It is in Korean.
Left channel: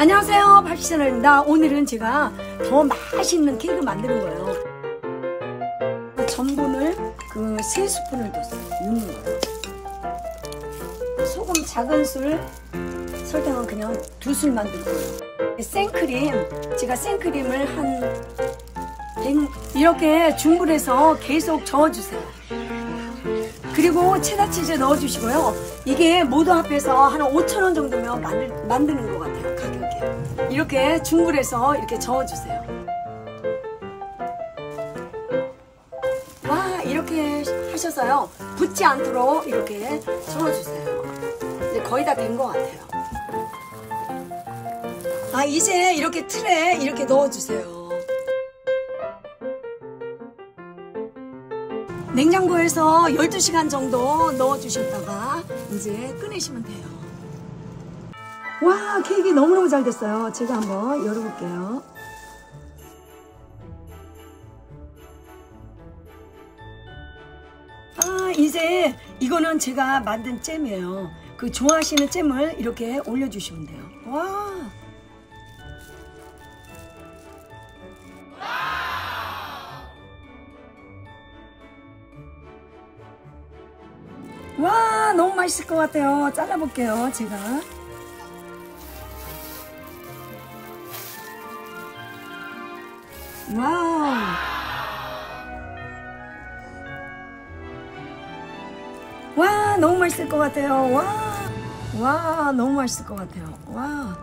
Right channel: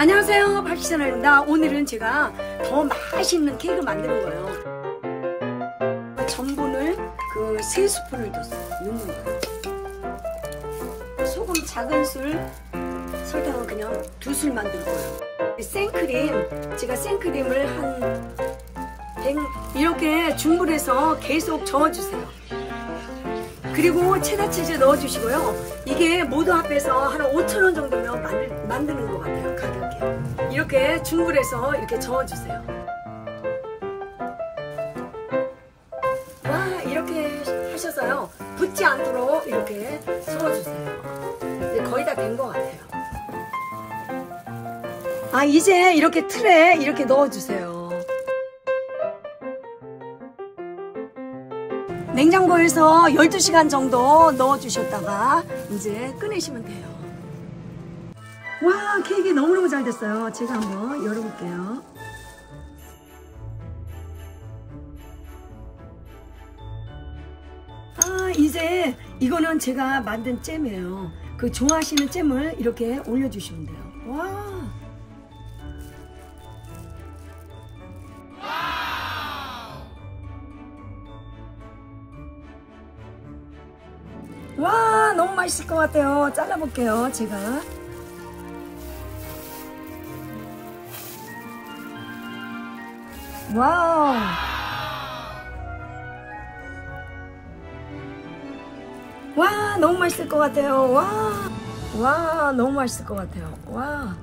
안녕하세요, 박희선입니다. 오늘은 제가 더 맛있는 케이크를 만드는 거예요. 전분을 3스푼을 넣는 거예요. 소금 작은 술, 설탕은 그냥 2술 만들 거예요. 생크림, 제가 생크림을 이렇게 중불에서 계속 저어주세요. 그리고 체다치즈 넣어주시고요. 이게 모두 합해서 한 5,000원 정도면 만드는 것 같아요, 가격이. 이렇게 중불에서 이렇게 저어주세요. 와, 이렇게 하셔서요. 붙지 않도록 이렇게 저어주세요. 이제 거의 다 된 것 같아요. 이제 이렇게 틀에 이렇게 넣어주세요. 냉장고에서 12시간 정도 넣어주셨다가 이제 꺼내시면 돼요. 와, 케이크 너무너무 잘 됐어요. 제가 한번 열어볼게요. 이제 이거는 제가 만든 잼이에요. 좋아하시는 잼을 이렇게 올려주시면 돼요. 와. 와, 너무 맛있을 것 같아요. 잘라볼게요, 제가. 와우. 와, 너무 맛있을 것 같아요. 와, 너무 맛있을 것 같아요. 와.